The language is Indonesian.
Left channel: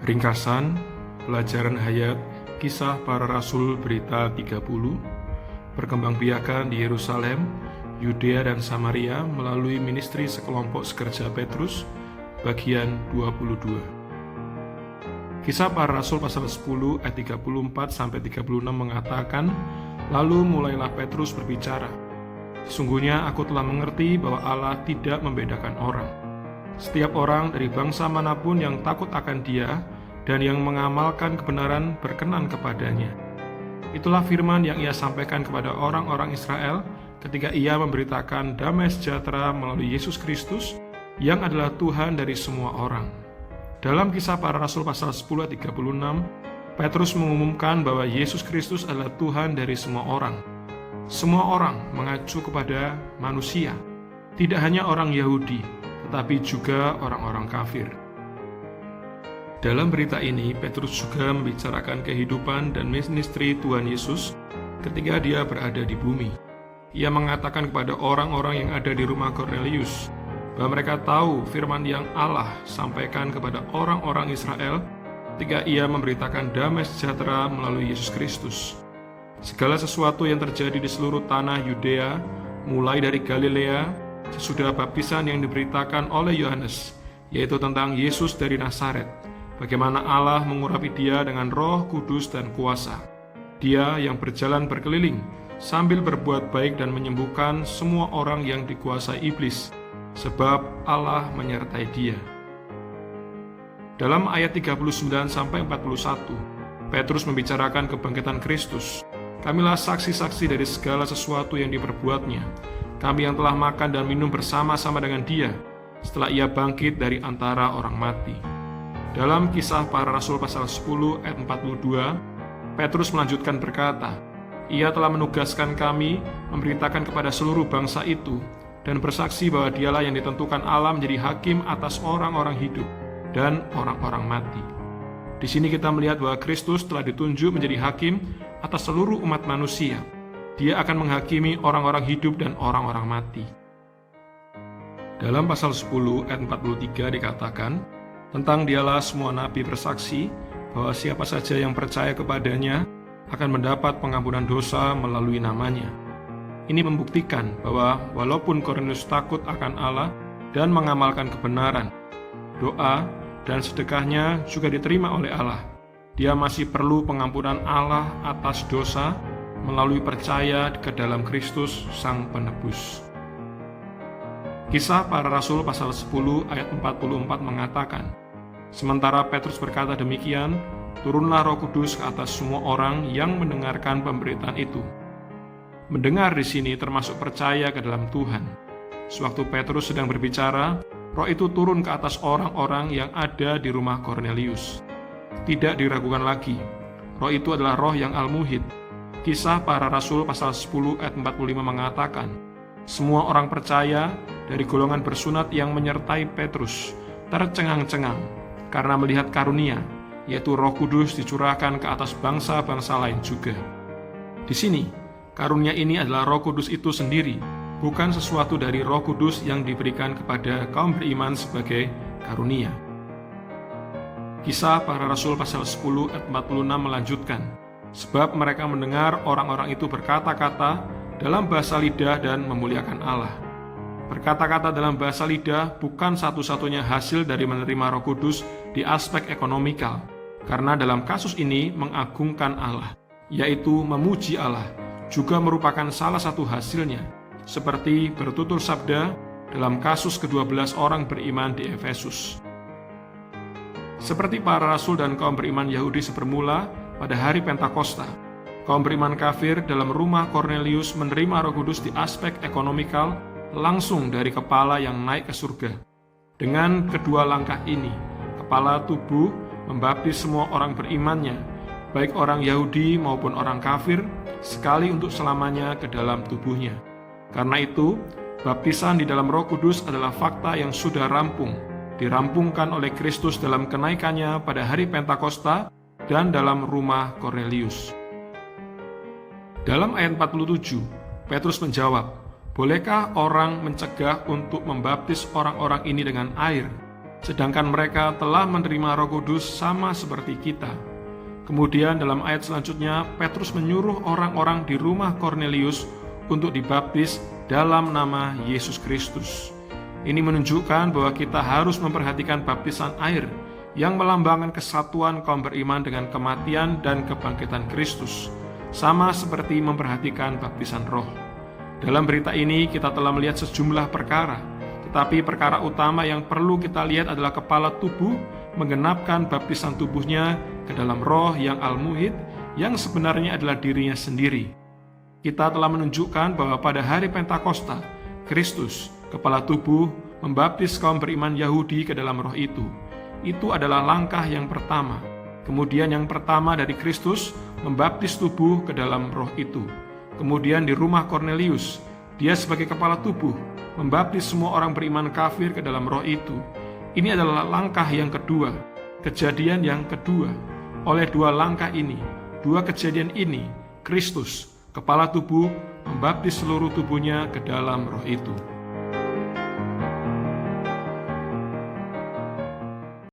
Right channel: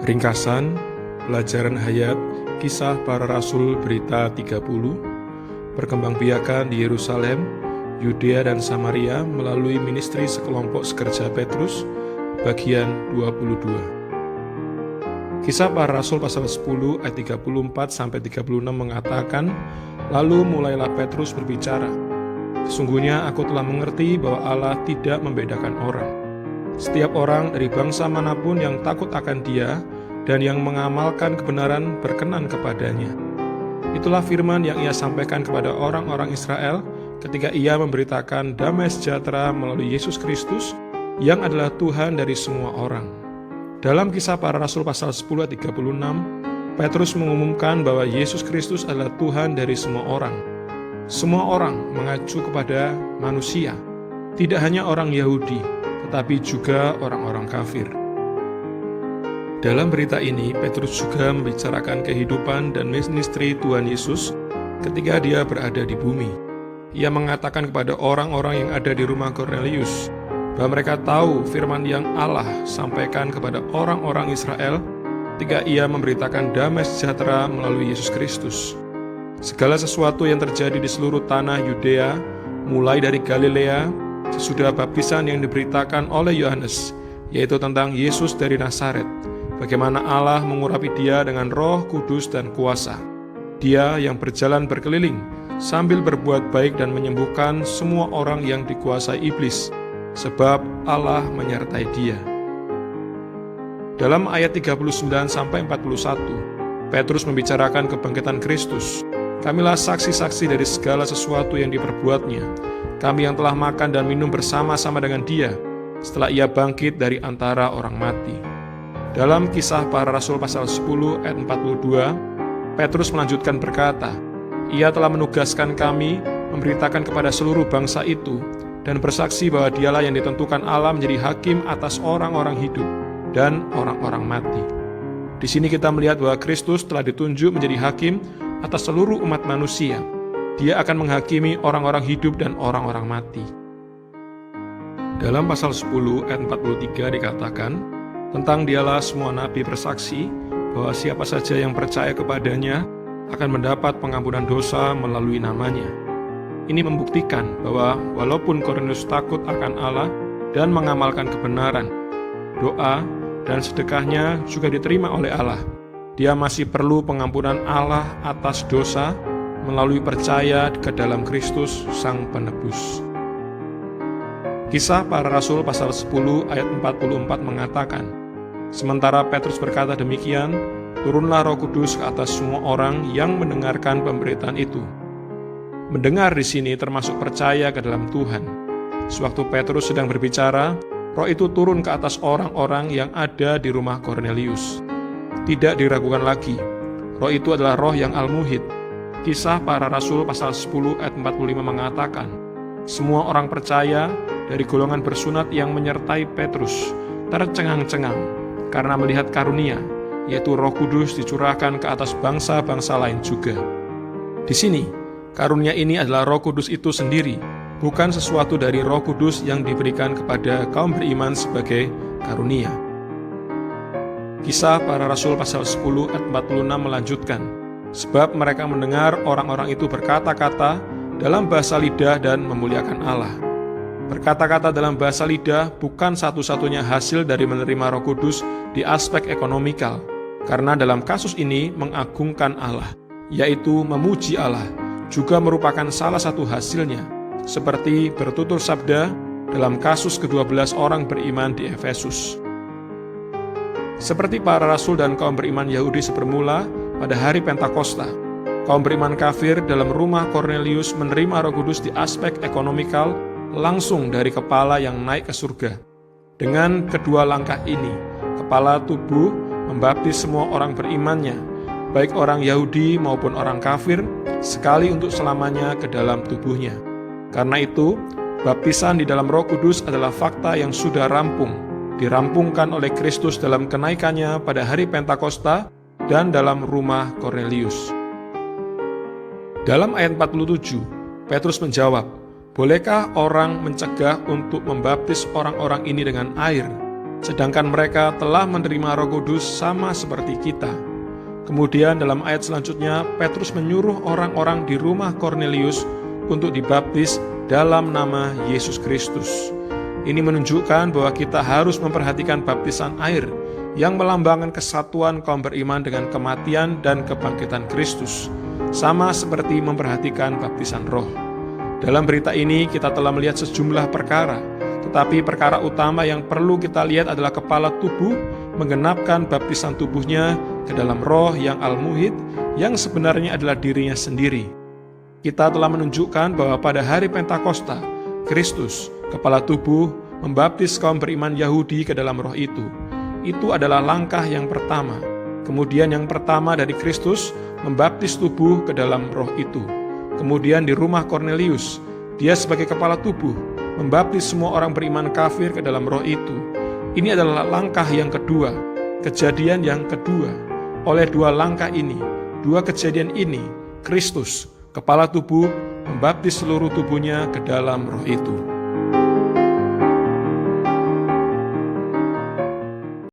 Ringkasan Pelajaran Hayat Kisah Para Rasul Berita 30 Perkembangbiakan di Yerusalem, Yudea dan Samaria melalui ministri sekelompok sekerja Petrus, bagian 22. Kisah Para Rasul pasal 10 ayat 34-36 mengatakan, "Lalu mulailah Petrus berbicara, sesungguhnya aku telah mengerti bahwa Allah tidak membedakan orang. Setiap orang dari bangsa manapun yang takut akan Dia dan yang mengamalkan kebenaran berkenan kepadanya. Itulah firman yang Ia sampaikan kepada orang-orang Israel ketika Ia memberitakan damai sejahtera melalui Yesus Kristus yang adalah Tuhan dari semua orang." Dalam Kisah Para Rasul pasal 10 ayat 36, Petrus mengumumkan bahwa Yesus Kristus adalah Tuhan dari semua orang. Semua orang mengacu kepada manusia, tidak hanya orang Yahudi, tetapi juga orang-orang kafir. Dalam berita ini, Petrus juga membicarakan kehidupan dan ministry Tuhan Yesus ketika Dia berada di bumi. Ia mengatakan kepada orang-orang yang ada di rumah Kornelius bahwa mereka tahu firman yang Allah sampaikan kepada orang-orang Israel ketika Ia memberitakan damai sejahtera melalui Yesus Kristus. Segala sesuatu yang terjadi di seluruh tanah Yudea, mulai dari Galilea, sesudah baptisan yang diberitakan oleh Yohanes, yaitu tentang Yesus dari Nazaret, bagaimana Allah mengurapi Dia dengan Roh Kudus dan kuasa. Dia yang berjalan berkeliling sambil berbuat baik dan menyembuhkan semua orang yang dikuasai iblis, sebab Allah menyertai Dia. Dalam ayat 39-41, Petrus membicarakan kebangkitan Kristus. "Kamilah saksi-saksi dari segala sesuatu yang diperbuatnya. Kami yang telah makan dan minum bersama-sama dengan Dia setelah Ia bangkit dari antara orang mati." Dalam Kisah Para Rasul pasal 10 ayat 42, Petrus melanjutkan berkata, "Ia telah menugaskan kami memberitakan kepada seluruh bangsa itu dan bersaksi bahwa Dialah yang ditentukan Allah menjadi hakim atas orang-orang hidup dan orang-orang mati." Di sini kita melihat bahwa Kristus telah ditunjuk menjadi hakim atas seluruh umat manusia. Dia akan menghakimi orang-orang hidup dan orang-orang mati. Dalam pasal 10 ayat 43 dikatakan, "Tentang Dialah semua nabi bersaksi bahwa siapa saja yang percaya kepadanya akan mendapat pengampunan dosa melalui namanya." Ini membuktikan bahwa walaupun Kornelius takut akan Allah dan mengamalkan kebenaran, doa dan sedekahnya juga diterima oleh Allah. Dia masih perlu pengampunan Allah atas dosa melalui percaya ke dalam Kristus Sang Penebus. Kisah Para Rasul pasal 10 ayat 44 mengatakan, "Sementara Petrus berkata demikian, turunlah Roh Kudus ke atas semua orang yang mendengarkan pemberitaan itu." Mendengar di sini termasuk percaya ke dalam Tuhan. Sewaktu Petrus sedang berbicara, Roh itu turun ke atas orang-orang yang ada di rumah Kornelius. Tidak diragukan lagi, Roh itu adalah Roh yang Al-Muhid. Kisah Para Rasul pasal 10 ayat 45 mengatakan, "Semua orang percaya dari golongan bersunat yang menyertai Petrus tercengang-cengang karena melihat karunia, yaitu Roh Kudus dicurahkan ke atas bangsa-bangsa lain juga." Di sini, karunia ini adalah Roh Kudus itu sendiri, bukan sesuatu dari Roh Kudus yang diberikan kepada kaum beriman sebagai karunia. Kisah Para Rasul pasal 10 ayat 46 melanjutkan, "Sebab mereka mendengar orang-orang itu berkata-kata dalam bahasa lidah dan memuliakan Allah." Berkata-kata dalam bahasa lidah bukan satu-satunya hasil dari menerima Roh Kudus di aspek ekonomikal, karena dalam kasus ini mengagungkan Allah, yaitu memuji Allah, juga merupakan salah satu hasilnya, seperti bertutur sabda dalam kasus ke-12 orang beriman di Efesus. Seperti para rasul dan kaum beriman Yahudi sepermula pada hari Pentakosta, kaum beriman kafir dalam rumah Kornelius menerima Roh Kudus di aspek ekonomikal langsung dari kepala yang naik ke surga. Dengan kedua langkah ini, kepala tubuh membaptis semua orang berimannya, baik orang Yahudi maupun orang kafir, sekali untuk selamanya ke dalam tubuhnya. Karena itu, baptisan di dalam Roh Kudus adalah fakta yang sudah dirampungkan oleh Kristus dalam kenaikannya pada hari Pentakosta dan dalam rumah Kornelius. Dalam ayat 47, Petrus menjawab, "Bolehkah orang mencegah untuk membaptis orang-orang ini dengan air?" sedangkan mereka telah menerima Roh Kudus sama seperti kita. Kemudian dalam ayat selanjutnya, Petrus menyuruh orang-orang di rumah Kornelius untuk dibaptis dalam nama Yesus Kristus. Ini menunjukkan bahwa kita harus memperhatikan baptisan air yang melambangkan kesatuan kaum beriman dengan kematian dan kebangkitan Kristus, sama seperti memperhatikan baptisan roh. Dalam berita ini kita telah melihat sejumlah perkara, tetapi perkara utama yang perlu kita lihat adalah kepala tubuh menggenapkan baptisan tubuhnya ke dalam roh yang al-muhid, yang sebenarnya adalah dirinya sendiri. Kita telah menunjukkan bahwa pada hari Pentakosta, Kristus, kepala tubuh, membaptis kaum beriman Yahudi ke dalam roh itu. Itu adalah langkah yang pertama. Kemudian yang pertama dari Kristus, membaptis tubuh ke dalam roh itu. Kemudian di rumah Kornelius, dia sebagai kepala tubuh, membaptis semua orang beriman kafir ke dalam roh itu. Ini adalah langkah yang kedua, kejadian yang kedua. Oleh dua langkah ini, dua kejadian ini, Kristus, kepala tubuh, membaptis seluruh tubuhnya ke dalam roh itu.